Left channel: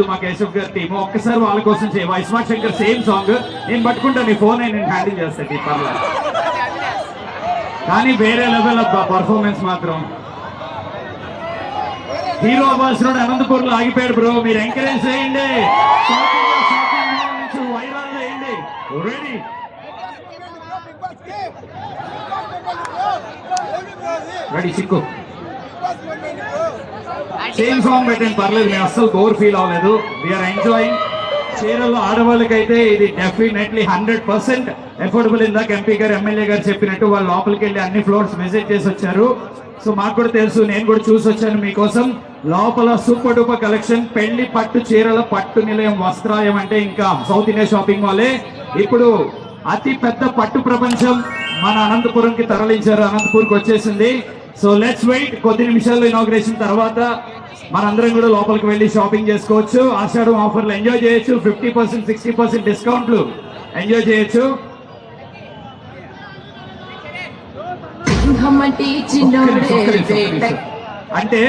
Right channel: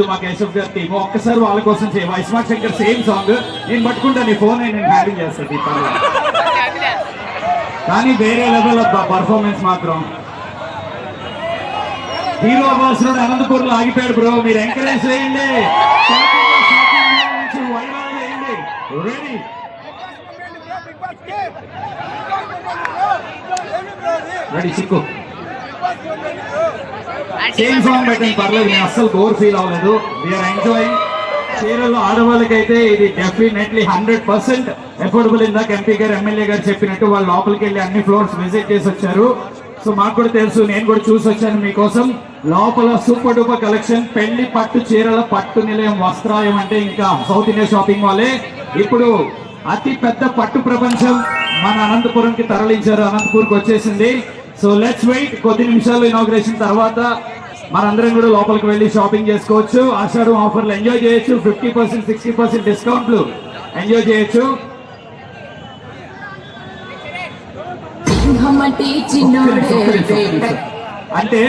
కాదు మా కేశవ్ గారి టీము ఒక్కసారి వాళ్ళ కోసం చేయవా ఇస్మార్ట్ శంకర్ సేమ్ సాంగ్ నేను పట్టుకుంటా నీ ఫోన్ నేను హ్యాండింగ్ చేస్తాను ఈ పర్లేదు కానీ వేరే లెవెల్ అబ్బా పర్ఫార్మెన్స్ మాత్రం. హీరో అవ్వాల్సిన అనంతపూర్లో ఆగిపోయాడు బ్రో మీరు ఎంకరేజ్ చేయండి. వైరల్ చేయండి రెడీ రెడీ చిక్కు సేమ్ సాంగ్ పెట్టండి పర్లేదు నేను అస్సలు బోర్ ఫీల్ అవ్వలేదు. వీఆర్ ఎంజాయింగ్ చీరలు ఆడవాళ్ళకైతే ఇది డెఫినెట్లీ హండ్రెడ్ పర్సెంట్ ఎఫోర్డబుల్ ఇందాక ఎంపీ గారు ఎమ్మెల్యే గారు చెప్పినట్టు వాళ్ళు లోపలికి వెళ్ళి అన్ని ఫ్లోర్స్ విజిట్ చేసి వచ్చారు. సో మాకు కూడా తెలుసు నేను కూడా చూసి వచ్చాను మీకోసం. లోపల సూపర్ డూపర్ కలెక్షన్ పెళ్ళి పట్టు చీరల పట్టు నిలయం వస్త్రాయం అంటే ఇంకా సౌత్ ఇండియా షాపింగ్ వాళ్ళే ఇప్పుడు అతి పెద్ద పట్టు ప్రపంచం మన అనంతపురంకి తరలించారు అనంతపూర్కి వచ్చేసింది. సో లెట్స్ వెయిట్ కొద్ది నిమిషాలు ఇనాగ్రేషన్ తర్వాత మనందరం కూడా లోపలికి వెళ్ళి షాపింగ్ చేసుకోవచ్చు. ఆషాఢం ఆఫర్లు ఎంజాయ్ చేయొచ్చు. ఫిఫ్టీ పర్సెంట్ సిక్స్టీ పర్సెంట్ డిస్కౌంట్లు ఎంజాయ్ చేయొచ్చు. అంటే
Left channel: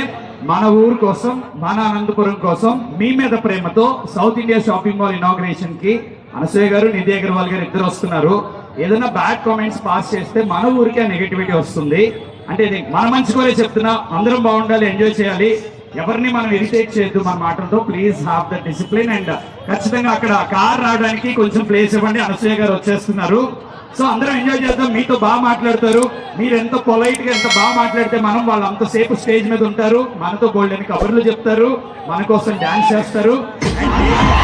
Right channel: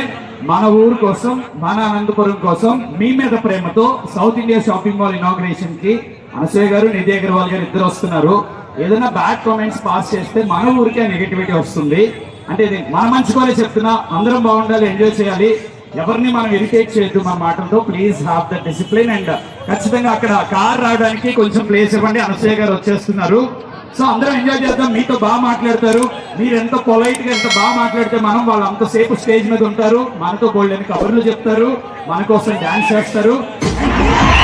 మన ఊరు కోసం మన అనంతపురం కోసం మీ మీద ప్రేమతో సౌత్ ఇండియా షాపింగ్ మాల్ ఇనాగ్రేషన్కి అనసూయ గారు నిధి అగర్వాల్ గారు ఇద్దరు వస్తున్నారు. ఏదైనా బ్యాడ్ కామెంట్స్ పాస్ చేస్తే మన ఊరికే నెగటివిటీ వస్తుంది. అంటే మన మంచి కోరే చెప్తున్నా అందరం బాగుండాలి ఎంజాయ్ చేయాలి. ఎవరిని మనం ఇరిటేట్ చేయొద్దు మన మాటలతో please have the discipline and ఖచ్చితంగా అక్కడ కార్ రావడానికి కొంచెం ప్లేస్ ఇవ్వండి. అనసూయ గారు వచ్చేస్తున్నారు. సో అందరం ఎంజాయ్ చేద్దాం. మీతో బాగా మాట్లాడతారు. మీరు ఎంత పొలైట్గా ఎంత బాగా మాట్లాడితే మనం వాళ్ళు అంతసేపు స్టేజ్ మీద ఉంటారు. మనతో గోల్డెన్ కబుర్లు చెప్తారు. మన కోసం డాన్స్ చేస్తారు.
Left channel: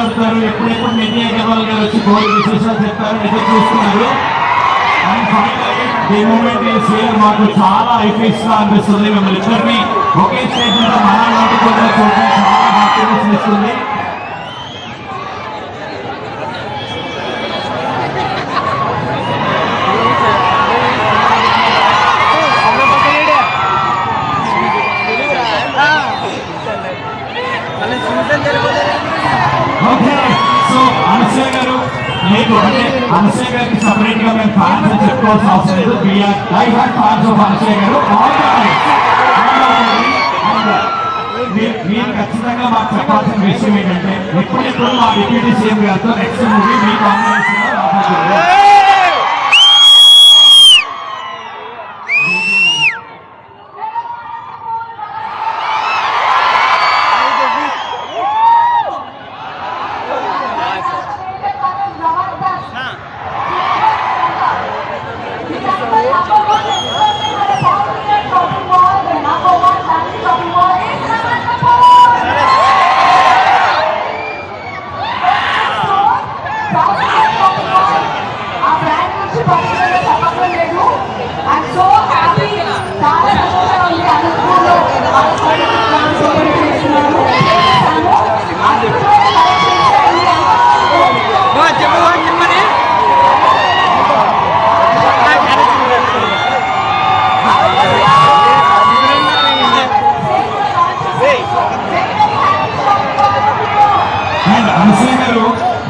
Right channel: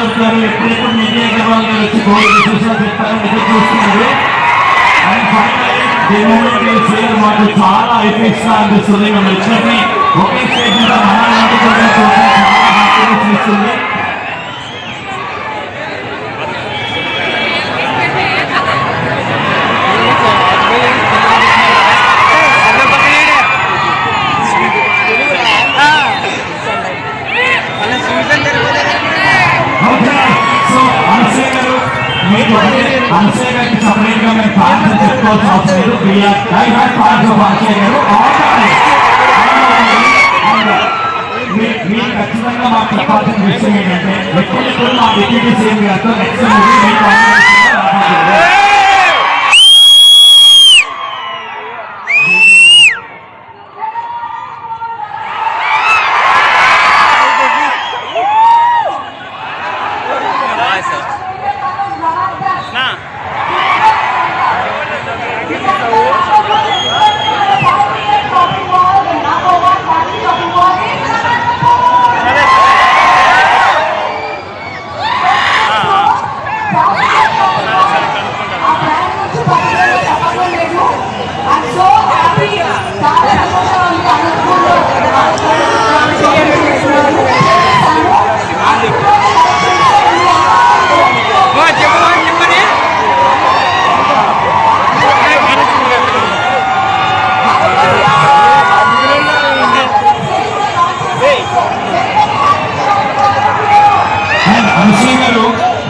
మాట్లాడతారు ఎప్పుడెప్పుడు నిజయ అగర్వాల్ గారు వచ్చి కోడి విశేషాలు చెప్తారని ఎదురు చూస్తున్నారు. అండ్ ఫైనలీ మాకు చాలా ఎఫెక్ట్స్గా అనిపిస్తుంది ఒకే స్టేజ్ మీద మన నాటుకోవడం చాలా హ్యాపీనెస్ ఇస్తుంది ఓకే. సో అనసూయ గారు మీకు అంటే అనసూయ గారికి సపరేట్గా మేము చెప్పుకోవాల్సిన అవసరం లేదు. వీఆర్ ఆఫ్ అనసూయ గారు మీరు ఖచ్చితంగా మాకు చెప్పాల్సిన విషయం ఏంటంటే ఎప్పుడెప్పుడు మా డిప్యూటీ సీఎం గారితో నెక్స్ట్ మూవీ మీ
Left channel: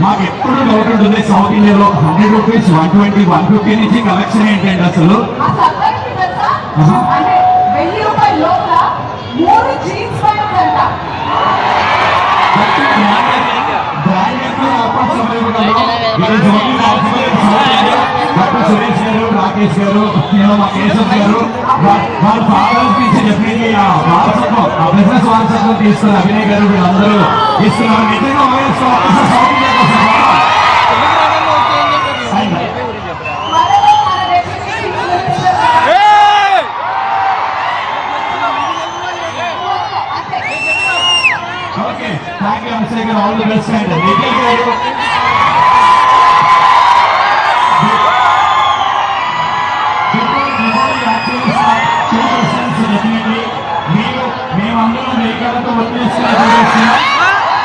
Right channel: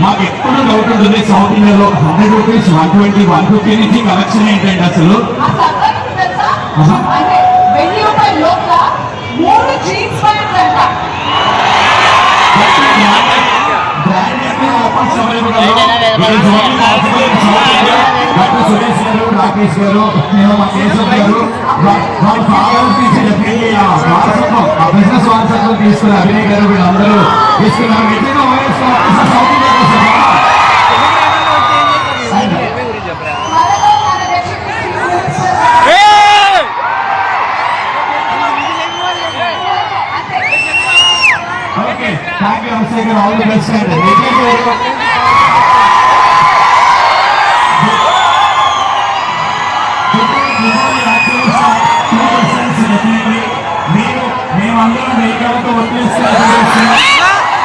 మాకు ఎప్పుడు డౌట్ ఉంటుంది సౌత్ ఇండియాలో hundred rupees one twenty one fifty నుంచి కలెక్షన్ ఏంటంటే అసలు? సురేష్ గారు రాకేష్ గారు కేశవ్ గారు వాళ్ళు కావాలని చెప్పి ఆ బిజినెస్ వారసత్వం తీసుకుని అభినయ్ గారు వీళ్ళందరూ తీసుకున్నారు. నిజంగా ఓఎస్ మేమందరం వేగాలతో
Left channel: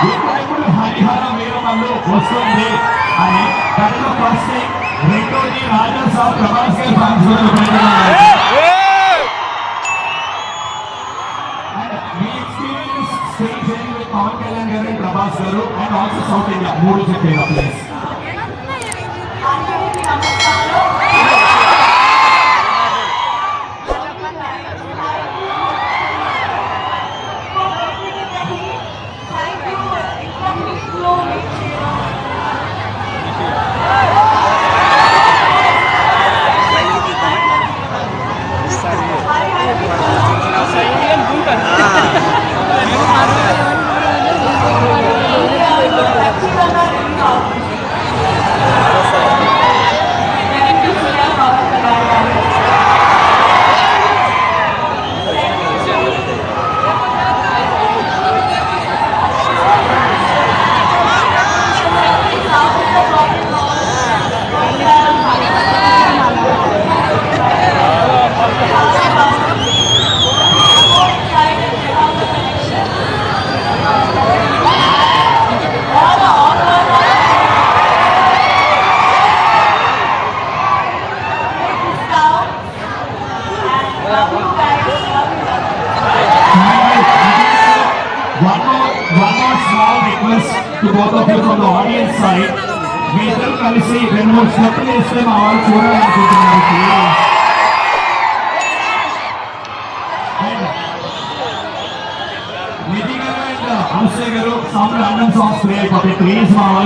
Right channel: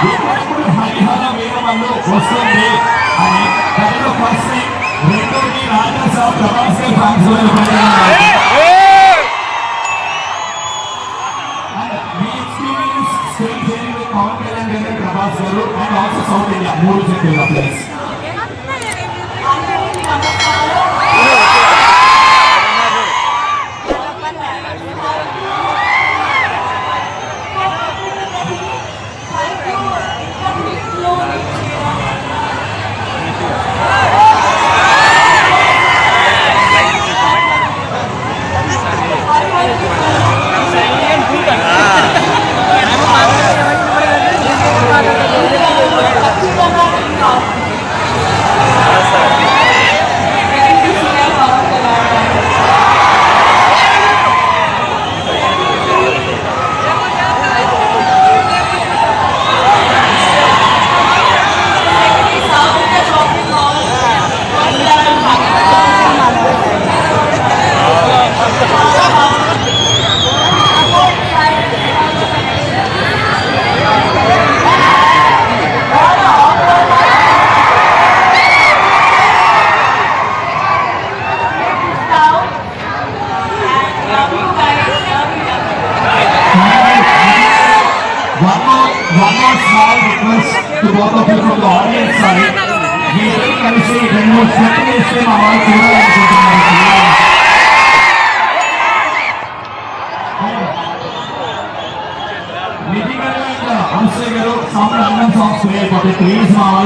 ఇప్పుడు హరిహర వస్తుంది అని దాంట్లో ఫస్ట్ రెండోది రాజా సాబ్ ప్రభాస్ గారు ఫ్యాన్స్ గారు and ప్రభాస్ గారు and also south India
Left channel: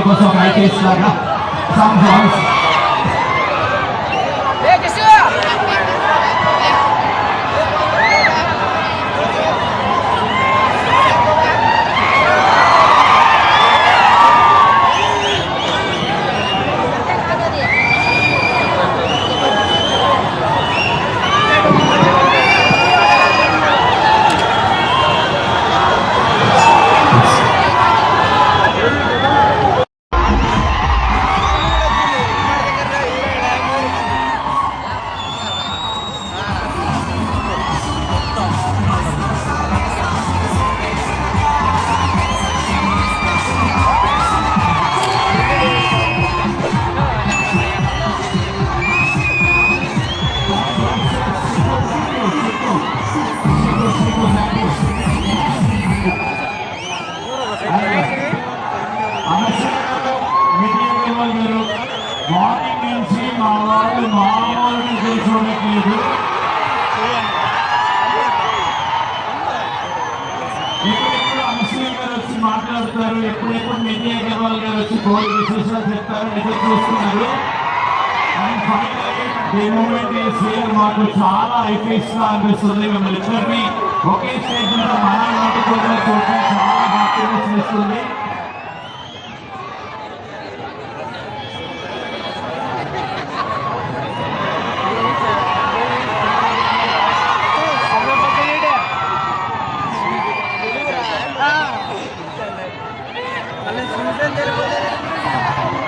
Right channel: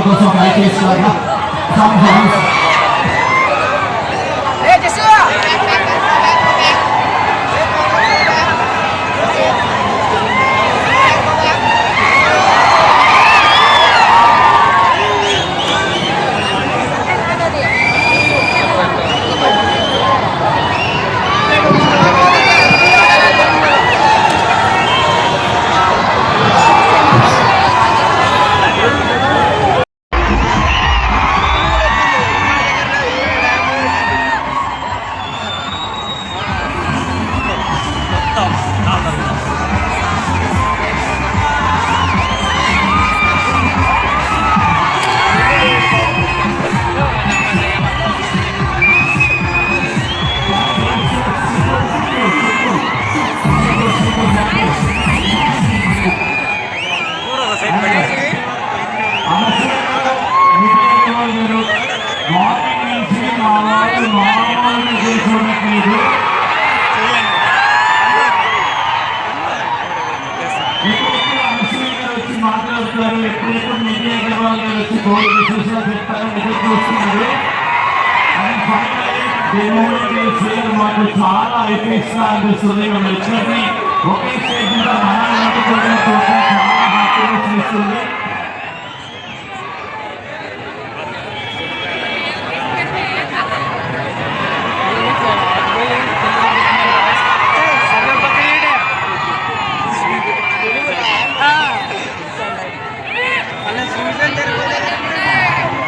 please మా వాళ్ళ కోసం ఒక ఐటీఎస్ గారు ఎప్పుడెప్పుడు నిధి అగర్వాల్ గారు వచ్చి కోడి విశేషాలు చెప్తారు ఎదురు చూస్తున్నారు. మాకు చాలా ఎఫెక్ట్స్గా అనిపిస్తుంది. మేము ఇద్దరిని ఒకే స్టేజ్ మీద మన చాలా బాగా చేస్తుంది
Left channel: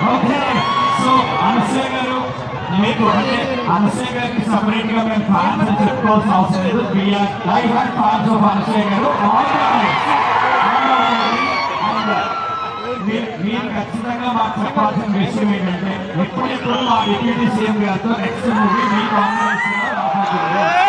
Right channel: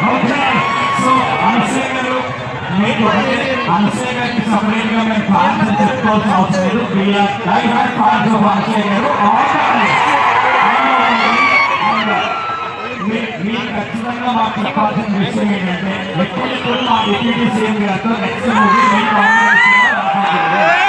ఓకే సో అనసూయ గారు మీకు అనసూయ గారికి సపరేట్గా మేము చెప్పుకోవాల్సిన అవసరం లేదు వీఆర్ లైవ్ ఆఫ్ అనసూయ గారు మీరు ఖచ్చితంగా మాకు చెప్పాల్సిన విషయం ఏంటంటే ఎప్పుడెప్పుడు మా డిప్యూటీ సీఎం గారితో నెక్స్ట్ మూవీ మీ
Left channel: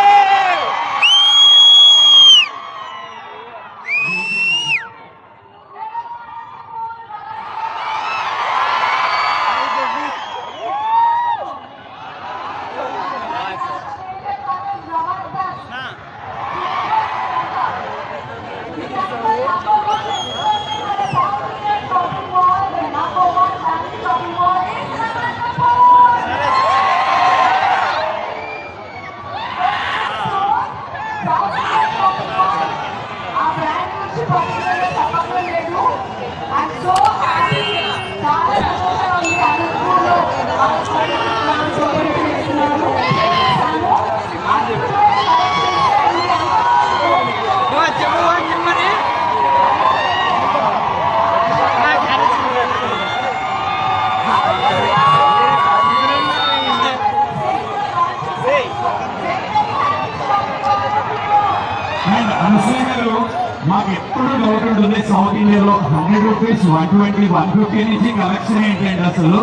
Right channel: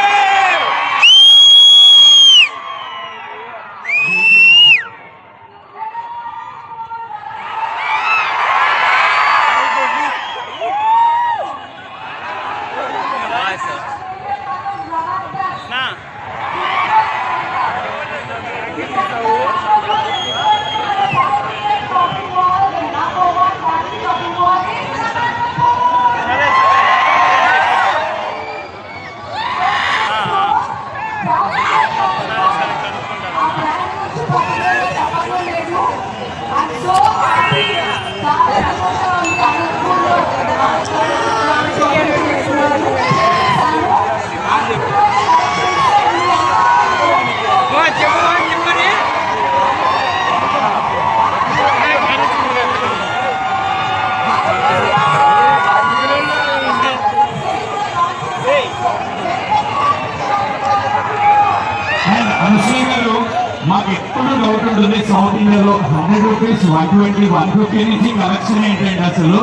సౌత్ ఇండియాలో hundred rupees one twenty one fifty నుంచి కలెక్షన్ ఏంటండి అసలు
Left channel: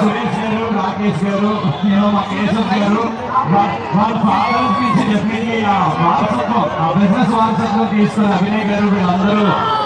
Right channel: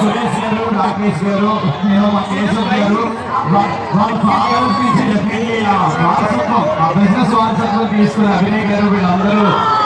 సురేష్ గారు రాకేష్ గారు కేశవ్ గారు వాళ్ళు చెప్పి ఆ బిజినెస్లో తీసుకుని అభినయ్ గారు వీళ్ళందరూ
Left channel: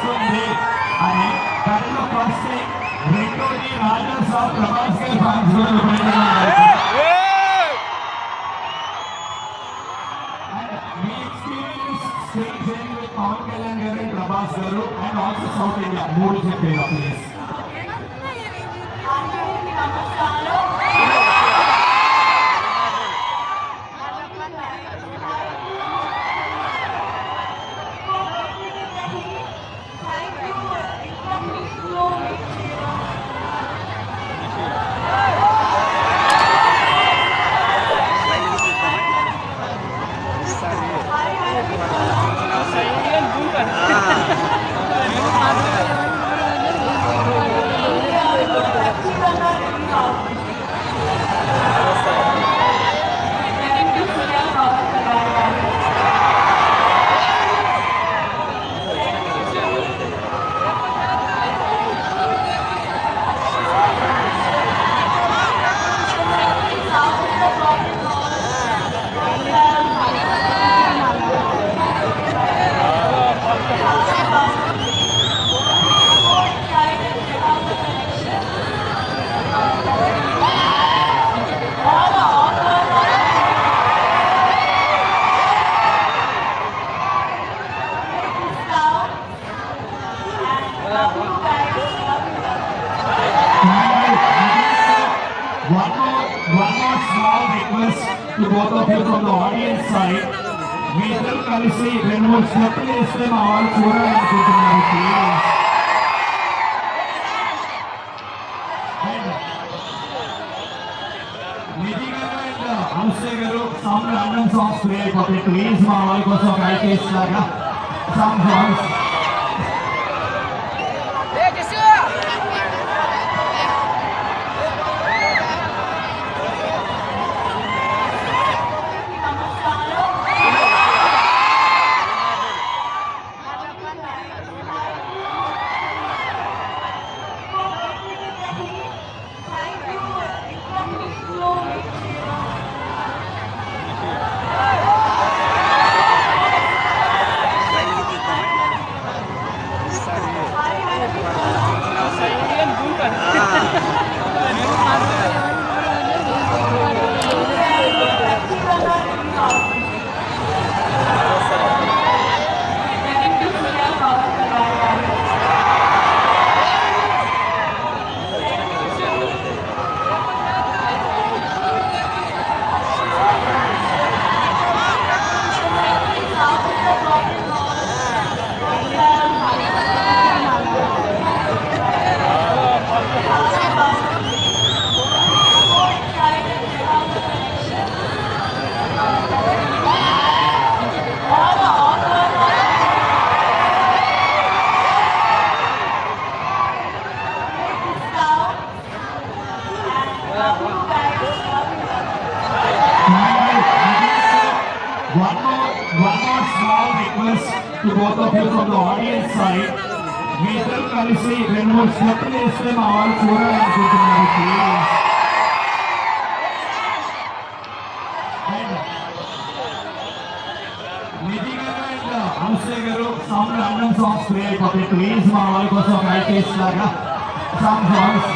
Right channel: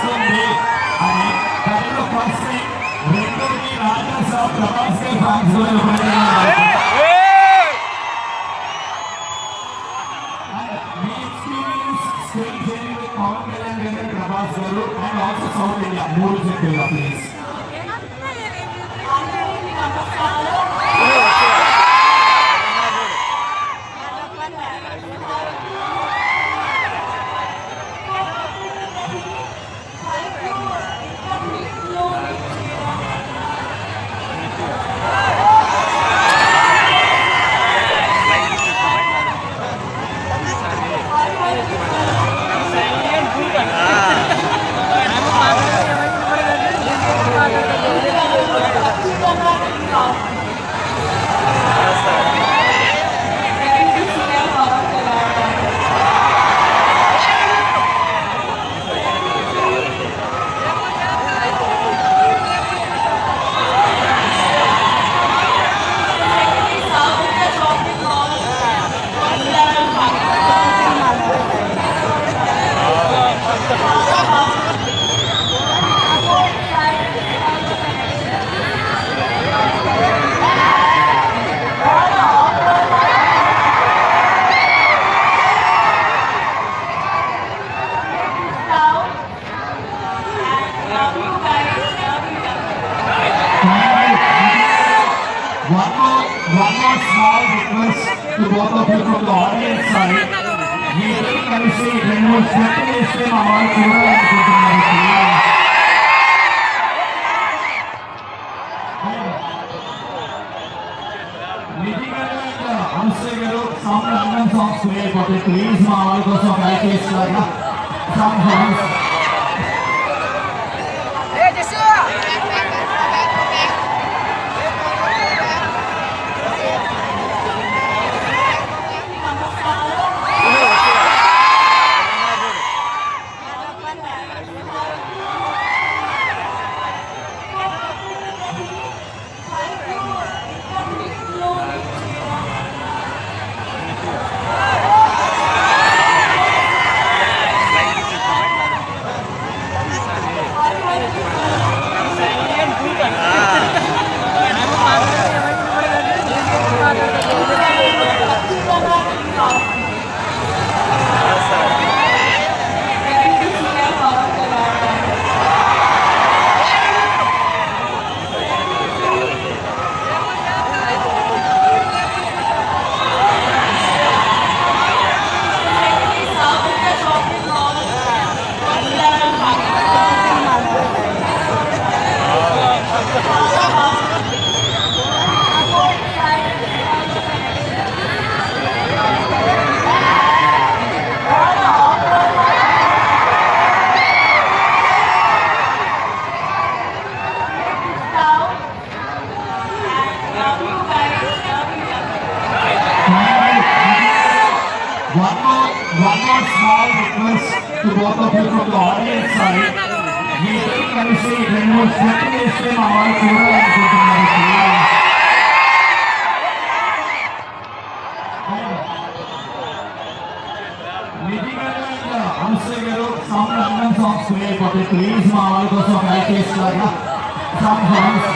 వస్తుంది అని దాంట్లో ఫస్ట్ రెండోది రాజా సాబ్ ప్రభాస్ గారి ఫ్యాన్స్ కూడా పవన్ కళ్యాణ్ గారు ప్రభాస్ గారు అండ్ ఆల్సో సౌత్ ఇండియా మూడు చెప్పేలా both of you from the audience side. మీరు కలిసి రెండు మూడు స్టెప్పులు వేస్తే మా వాళ్ళు చూడాలనుకుంటున్నారు please. నిధి గారు ఇంకా అనుశ్రీ గారు సాంగ్ అన్నం సాంగ్స్ ప్లే అయిపోతాయి ప్లీజ్ మా వాళ్ళ కోసం ప్రాక్టీస్ లాగా సాంగ్ సాంగ్స్ చేస్తే మా వాళ్ళు చూడాలనుకుంటున్నారు. సాంగ్స్ అయిపోతే ప్లీజ్ మా వాళ్ళ కోసం ప్రాక్టీస్ లాగా సాంగ్స్